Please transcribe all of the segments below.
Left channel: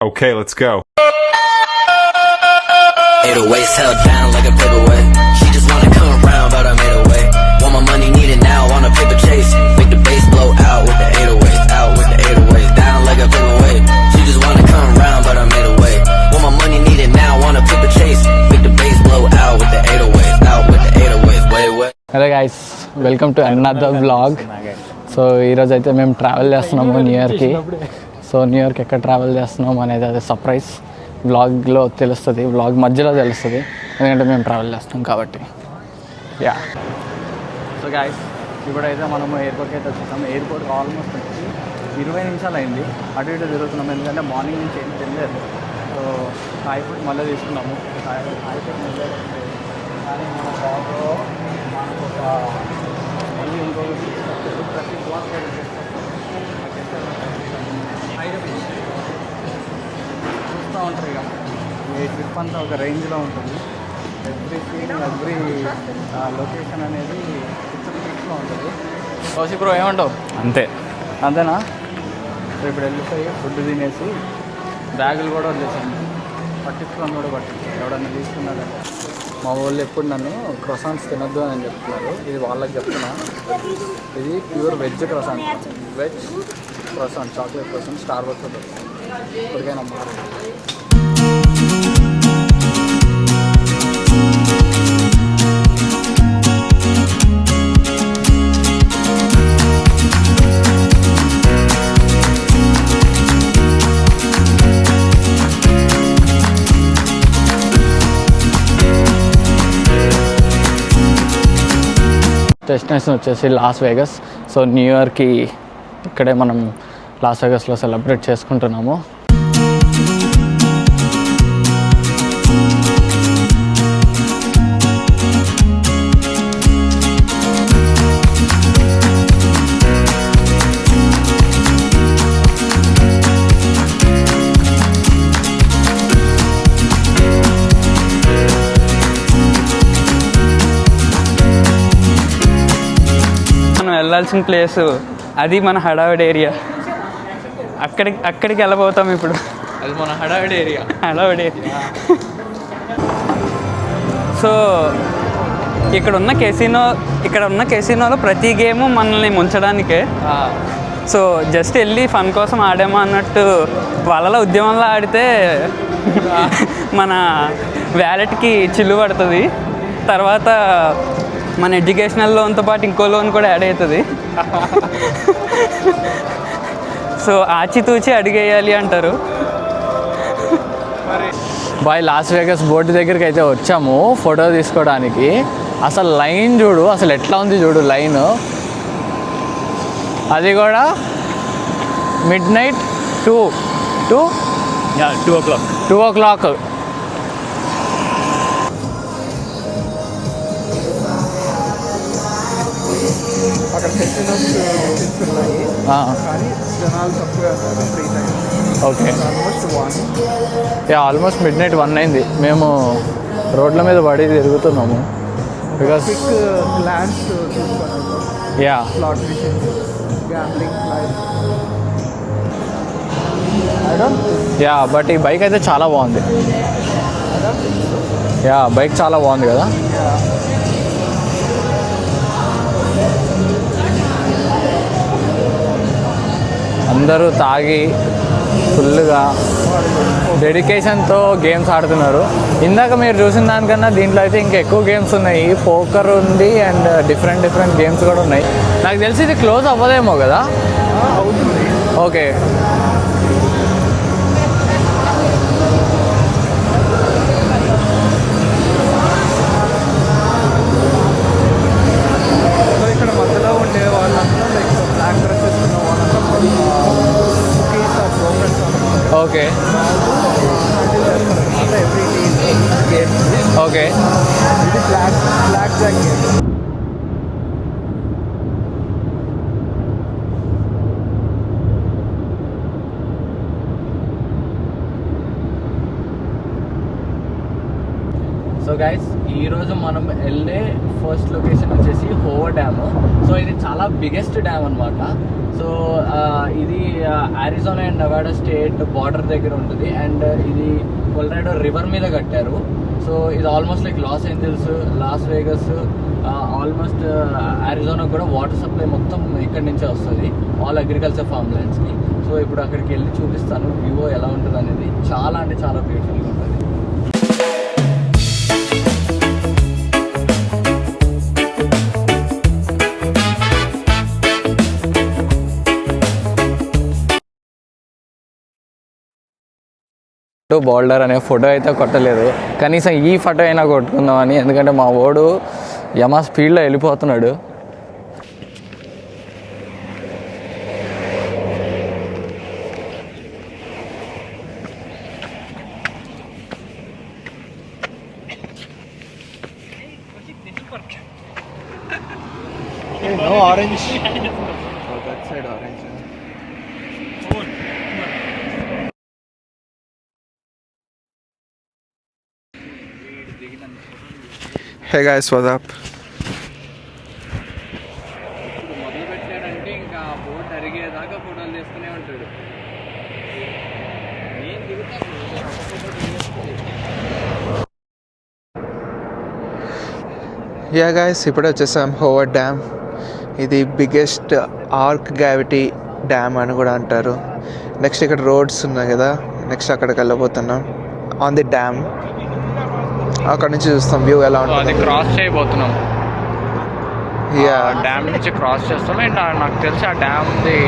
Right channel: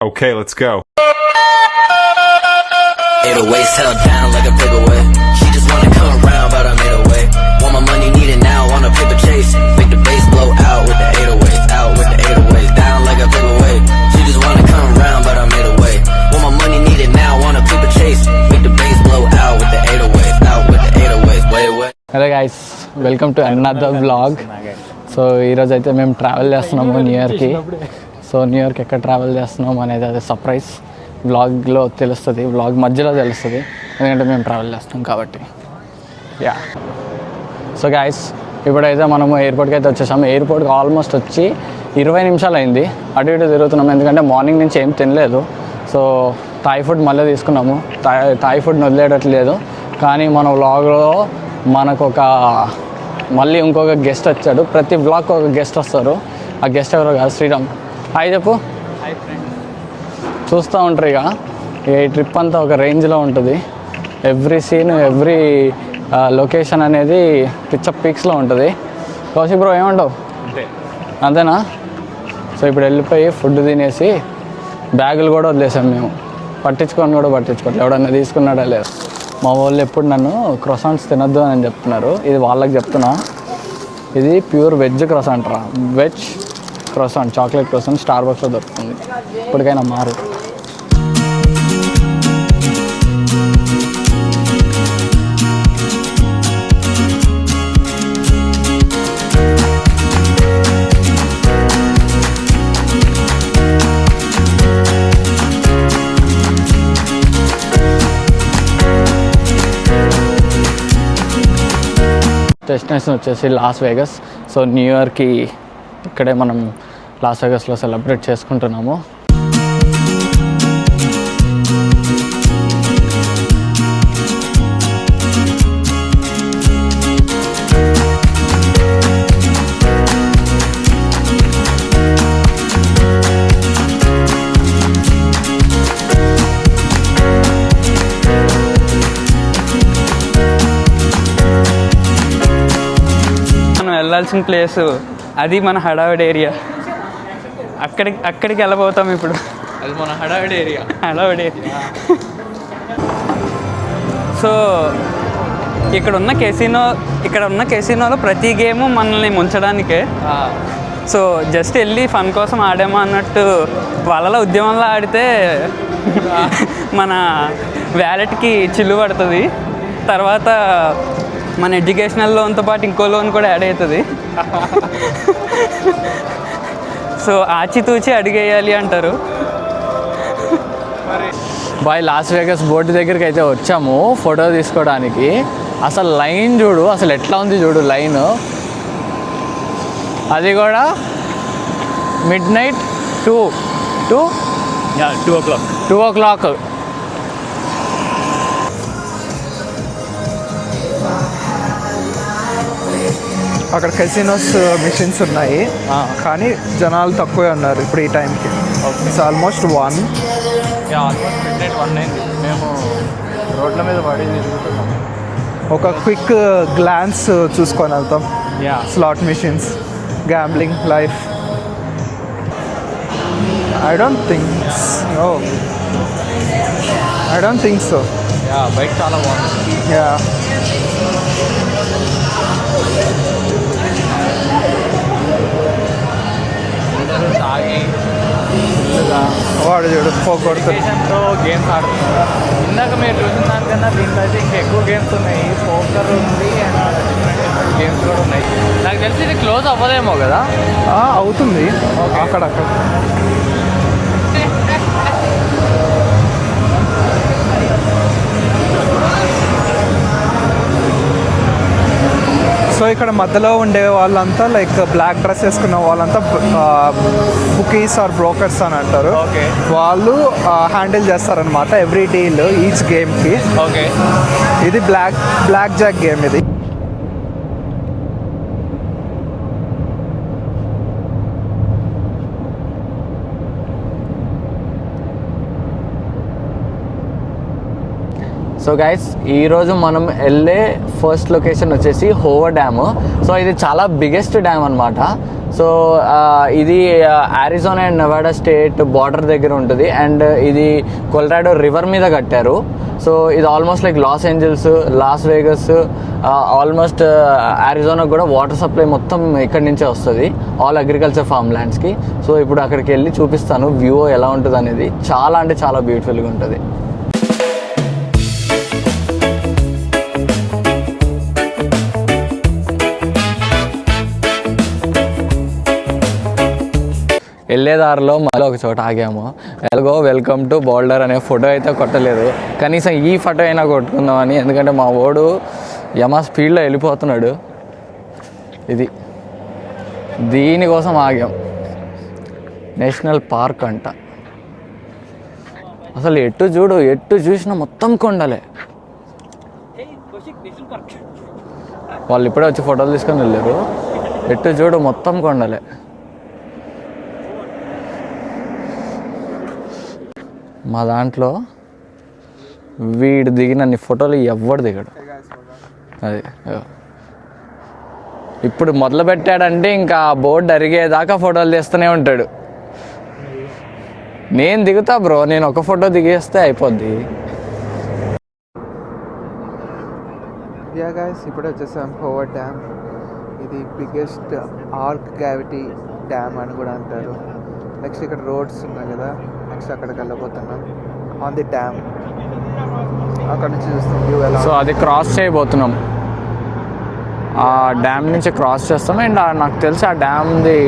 Okay, let's go. 808s held down like a paperweight. She just wanna come around, but I made a way. Want my money, need it now, on a paper chase. Make the bass blow out with the 808s, out with the 808s, down like a paperweight. She just wanna come around, but I made a way. Want my money, need it now, on a paper chase. Make the bass blow out with the 808s, out with the 808s, way. Hello guys, welcome to another vlog. So ఈరోజు అయితే మేము travel చేస్తున్నాము new ఇయర్కి. So new ఇయర్కి ఎక్కడ travel చేస్తున్నాము అనేది అది సర్ప్రైజ్. వ్లాగ్లో తెలుస్తుంది, వ్లాగ్ మధ్యలో తెలుస్తుంది, ఎందుకంటే మేము ట్రావెల్ చేస్తున్నాం కాబట్టి. యా, సో గైస్ ఇప్పుడైతే మనము ఎయిర్పోర్ట్కి అయితే వచ్చేసాము. ఎయిర్పోర్ట్కి ఆల్మోస్ట్ వచ్చి 20 నిమిషాలు అయింది. అటు ఇటు తిరుగుతున్నాము, ఎందుకంటే మార్నింగ్ నుంచి ఏం తినలేదు. సో థాయ్ ఫుడ్ మళ్ళీ తీసుకున్నాము. థాయ్ ఫుడ్ వదిలేయట్లేదు, కానీ మన వ్లాగ్లో మనకు మళ్ళీ ఇంకొక గెస్ట్ వచ్చాడు. ప్రతి బ్లాగ్కి ఒక గెస్ట్ వస్తారు. ఆ గెస్ట్ ఎవరో కాదు, శ్రీరామ్. హాయ్ చెప్పు. చూస్తూ ఉంటారు. ఇక ఈ ట్రిప్ అంతా ఒక రేంజ్లో ఉంటుంది. ఎవ్రీ సీన్, ఎవ్రీ లొకేషన్ అనేది పిక్చర్ పీక్స్లో ఉంటుంది. కౌశిక్ బ్రో ఏమంటావు? అంతేనా? సో ఇప్పుడు వెళ్ళిపోయి ఫుడ్ తినేసి బ్యాగులు కూడా వదిలేసాం మేము. పట్టించుకోవట్లేదు, ఎవడన్నా తీసుకున్నాడా లేదు. మా వాళ్ళు ఎప్పుడు నన్ను క్రొసాంట్స్ తినొద్దు అని చెప్తున్నారు. ఇది వాళ్ళకి చెప్తున్నా, ఇది ప్యూర్ వెజ్ క్రొసాంట్ రా. వెజ్ క్రొసాంట్, చాక్లెట్ క్రొసాంట్ స్టార్బక్స్లో దొరుకుతుంది. ఇప్పటికైనా మారు. డెస్టినేషన్ వచ్చేసి లాస్ వేగస్. సో న్యూ ఇయర్కి ఇక్కడే మనం లాస్ వేగస్లో సెలబ్రేట్ చేసుకుంటున్నాము. వెళ్ళాల్సిన ప్లేసు అది మన హడావిడి ఏరియా. అక్కడికి వెళ్ళబోతాం ఇప్పుడు. అది మన హడావిడి ఏరియా. సో ఇక్కడ ఉన్న కెసినోలో ప్రతి గేము మనల్ని ముంచడానికే. సో జస్ట్ వెళ్ళి ఫన్ కోసం ఆడామా అన్నట్టు వాళ్ళలో ఉద్యమంలో ఆడితే మన వ్యాలెట్కి చిల్లు పడుతుంది. తర్వాత మన ఎడ్యుకేషనల్ లోన్తో పాటు ఇంకో లోన్ కూడా యాడ్ అవుతుంది. సో ఆచితూచి అడిగేయాలి అంటారు. బాయ్, లాస్ వేగస్ బోర్డు దగ్గరికి అయితే వచ్చాము ఫోటో తీసుకోవడానికి. అసలు లైన్ చూడు, అసలు ఎట్లా ఉంది చూడు లైన్. అది కూడా మిడ్ నైట్ 2 o'clock. అక్కడ కెసినోస్ మిషన్స్ ఉన్నాయి, కానీ జనాలు తక్కువే ఉన్నారు ఇప్పుడు ఈ టైంకి. Okay, it's almost 1. Almost mid night 1 అయింది. మేము రోడ్ల మీద పడి తిరుగుతున్నాము. ఒక క్విక్ గ్లాన్స్ చూసుకొని వెళ్తాం. Slot machines, gambling, life. I don't think. But ఈ బైక్ అయితే చాలా బాగుంది. I don't think so. Bike చాలా బాగుంది కదా. అందరూ తాగి ఫుల్గా డెడికేషన్తో గేమ్స్ ఆడుతున్నారు. ఇందాక మీరు చూసిన దానికన్నా దీంట్లో అయితే ఇంకా ఎక్కువ గేమ్స్ ఉన్నాయి. పోకర్ ఉంది అండ్ డిఫరెంట్ గేమ్స్ కూడా ఉన్నాయి. నాకు తెలిసి ఇది క్లోజ్ అవ్వదేమో కదా. అవుతుంది. ఓకే, అక్కడ ఇక్కడ మధ్యలో ఉండే వాళ్ళంతా లైక్ బ్లాక్ డ్రెస్ వేసుకున్న వాళ్ళంతా బుకీస్ ఆర్ బ్రోకర్స్ అని అంటారు. ఓకే, వాళ్ళు హ్యాండిల్ చేస్తారనమాట ఎవ్రీ డీల్, ఈచ్ గేమ్కి. ఓకే, ఇది బ్లాక్ జాక్ గేమ్. ఇది సో సో గైస్ ఈరోజు మనం వెళ్ళే ఫస్ట్ లొకేషన్ వచ్చేసి హోవర్ డ్యామ్. సో ఇది చాలా బిగ్గెస్ట్ డ్యామ్ అనమాట. సో ఇది Arizona and Nevada state border దగ్గర ఉంటుంది. అండ్ ఇది కొలరాడో రివర్ మీద కట్టారు. సో ఇది almost like Los Angeles, loss Vegas, almost Arizona కూడా వాటర్ సప్లై మొత్తం ఇక్కడి నుంచే వస్తుంది, ఆల్ అగ్రికల్చర్ ఫార్మ్ ల్యాండ్స్కి. సో ఇప్పుడు అక్కడికి వెళ్ళి చూపిస్తాను వ్యూ ఎలా ఉంటుంది అనేది. చాలా అంటే చాలా బ్యూటిఫుల్గా ఉంటుంది. వెళ్ళేదారిలో మళ్ళీ ఒక చోట ఆగాము. ఎలాగో వెల్కమ్ టు బోల్డర్ అనే ఫోటో అయితే కొట్టలేదు, కనీసం ఈ ఫోటో అయినా కొట్టుకుందామని. ఎందుకంటే మా ఓడు యమా స్పీడ్లో వెళ్ళిపోతున్నాడు. ఇది దీనికోసం ఆగాం. నేషనల్ పార్క్ అంట. అసలు ఎటు చూసినా మొత్తం కొండలే. వాళ్ళు ఇప్పుడే వచ్చి ఫోటోలు తీసుకొని వెళ్ళారు. ఎటు చూడు మొత్తం కొండలే. మా దాంట్లో వీడు దిగినన్ని ఫోటోలు ఎవ్వడు దిగడు. Hey guys, what's up? అది ఇప్పుడు మొదలు పెట్టాడంటే ఇంకా బోర్డు అరిగేదాకా ఫోటోలు తీస్తూనే ఉంటాడు. నేను దిగుతా బ్రో, నేను ఒక ఫోటో దిగేస్తే అయిపోద్ది. యా గైస్, ఇప్పుడే వచ్చేసాం హోవర్ డ్యామ్. ఇది బిగ్గెస్ట్ ఆర్క్ గ్రావిటీ డ్యామ్ అని కూడా అంటారు. నెక్స్ట్ ఇక్కడ రోడ్స్ ఉన్నాయి కదా, నెక్స్ట్ అక్కడికి వెళ్ళబోతున్నాం ఆన్ ది డ్యామ్. అక్కడ నుంచి చూస్తాం వ్యూ ఎలా. సో అది క్రాస్ చేయబోతున్నాం. డ్యామ్ నుంచి క్రాస్ చేస్తాం. అండ్ నాకు తెలిసి ఆ డ్యామ్ది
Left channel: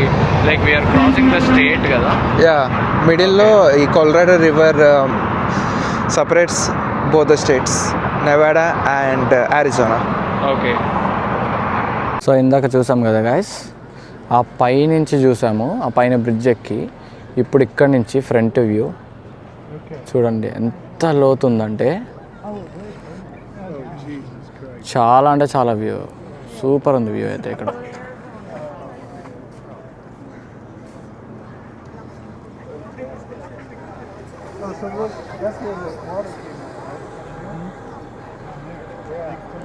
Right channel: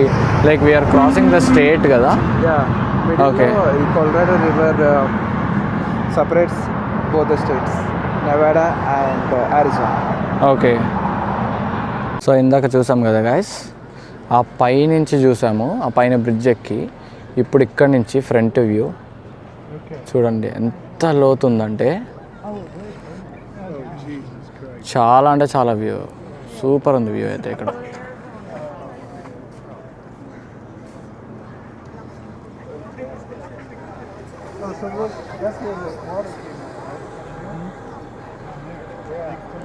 like we are crossing the state కదా. యా, మిడిల్లో ఈ Colorado river separates both the states, Nevada and Arizona. Okay. So ఇందాక చూసాం కదా గైస్, ఆ పై నుంచి చూసాము, ఆ పైన బ్రిడ్జ్ ఎక్కి. ఇప్పుడు ఇక్కడ నుంచి ఫ్రంట్ వ్యూ చూడండి ఎంత లోతుందంటే, చాలా అంటే చాలా వ్యూ సూపర్ ఉంది. వ్యూ అయితే ఇక్కడ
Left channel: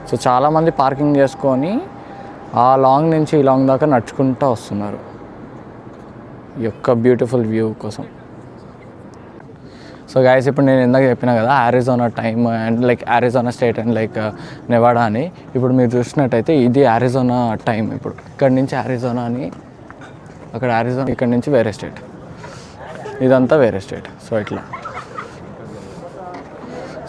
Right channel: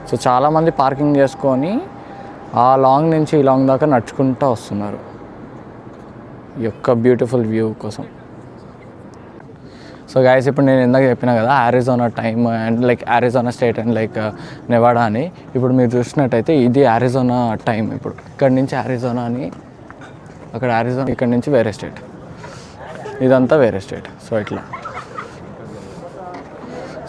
సో చాలామంది పార్కింగ్ చేసుకొని ఆ లాంగ్ నుంచి ఈ లాంగ్ దాకా నడుచుకుంటూ వస్తున్నారు ఈ యొక్క బ్యూటిఫుల్ వ్యూ కోసం. సో గైస్, ఇప్పుడు నేను ఇందాక చెప్పినా కదా Arizona time and like Arizona state and like Nevada అని. ఇప్పుడు మీరు చూసినట్టయితే ఇది అరిజోనా టైం. ఇప్పుడు ఇక్కడ నుంచి అరిజోనా అని, అక్కడ అరిజోనా, ఇక్కడ నుంచి వేరే స్టేట్, ఇదంతా వేరే స్టేట్. సో ఇట్లా.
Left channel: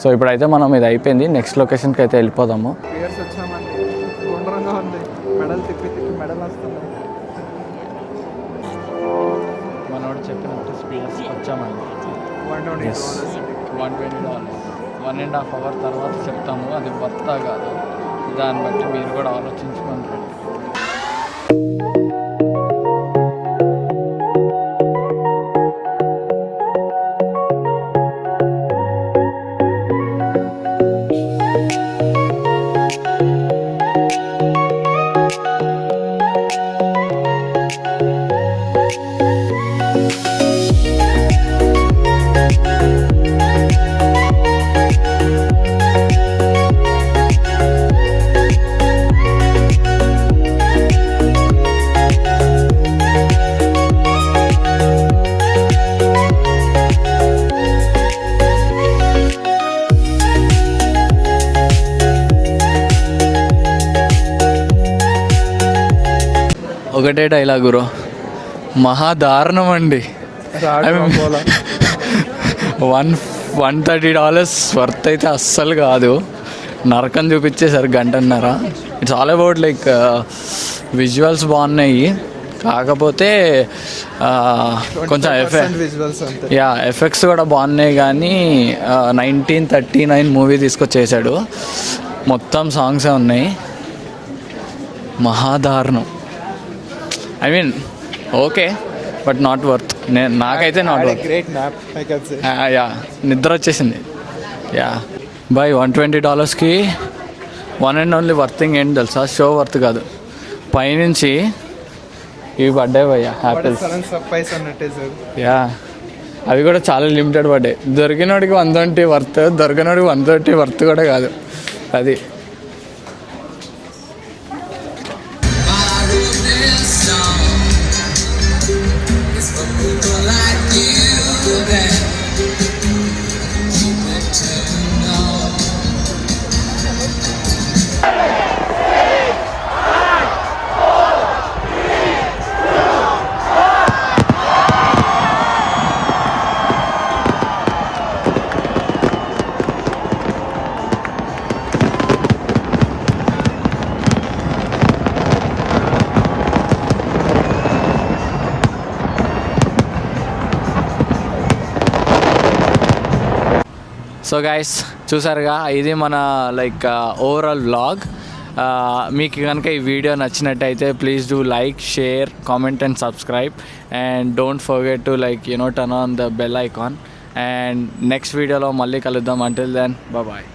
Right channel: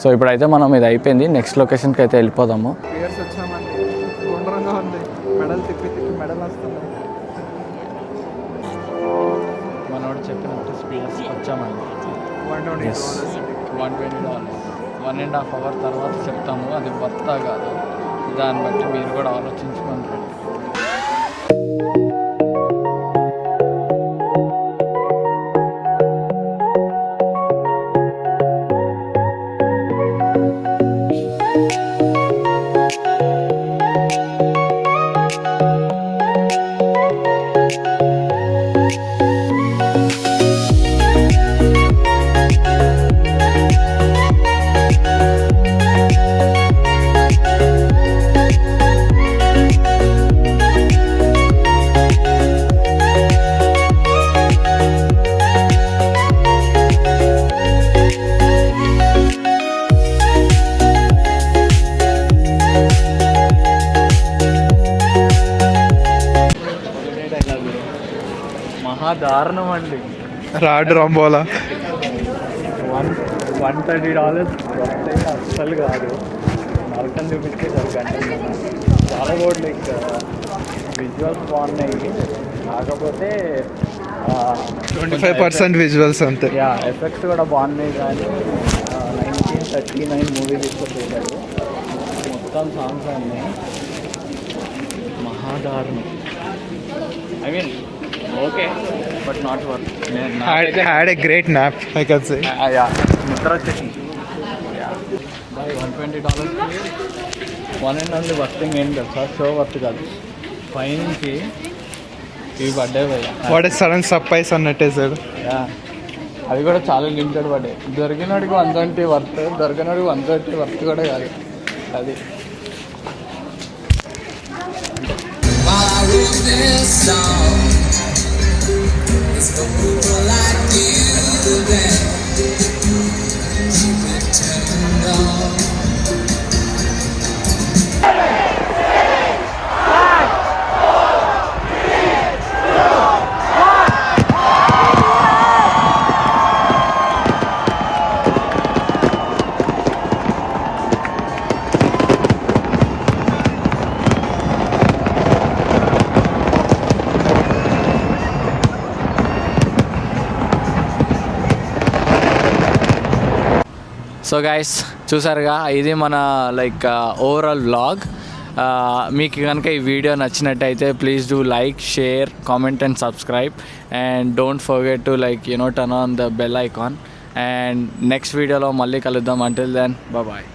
సో ఇప్పుడైతే మనం ఇది అయిపోయింది, నెక్స్ట్ లొకేషన్కి అయితే వెళ్ళిపోదాము. ఇయర్స్ వచ్చామండి, గుండ్రంగా ఉంది, మెడల్ తిప్పి మెడల్ వస్తుంది. మనోడు చెప్పినట్టు స్పీడ్స్ వచ్చామండి. $120. $120, 1.5 hour తర్వాత చెప్తాము అది వర్తా కాదు. దాన్ని బట్టి మీరు కూడా ఆలోచించుకోండి. ఒకటే డైలాగ్ బ్రో, మహాదారుణం అండి. $130 వర్త్ అయితే అస్సలు కాదు. నరకం చూపించేసారు గంటన్నర. It's all about like visuals బాగున్నాయి, కాకపోతే కొంచెం విజువల్స్ అంతే. యా, ఎఫెక్ట్స్ కూడా బాగున్నాయి. కానీ 1939 మూవీ తీసుకొచ్చేసాడు. మొత్తం సాంగ్సే ఉన్నాయి. మహాదారుణం. I mean okay, but not worth. నాకైతే గ్రేట్ నాప్, యా, నిద్ర వచ్చేసింది. యా బై $120కి వన్ అండ్ ఓన్లీ వర్తింగ్ ఏంటి తెలుసా? షో వర్త్ కాదు, పైనుంచి ఇవి పడ్డాయి భయ్యా. సడన్ సర్ప్రైజ్ అన్నట్టే సార్. యా, అవి కూడా చాలా లిమిటెడ్ పడ్డాయి. దొరికినోడికి 120 వర్త్, దొరికినోడికి 130 వర్త్ కూడా కాదు అది. సో గైస్ చూసారుగా, ఇది మన లైక్ ఓవరాల్ వ్లాగ్. మీకు కనుక ఈ వీడియో నచ్చినట్టయితే please do like, share, comment and subscribe. And don't forget to like turn on the bell icon. And next వీడియోలో మళ్ళీ కలుద్దాం. Until then bye.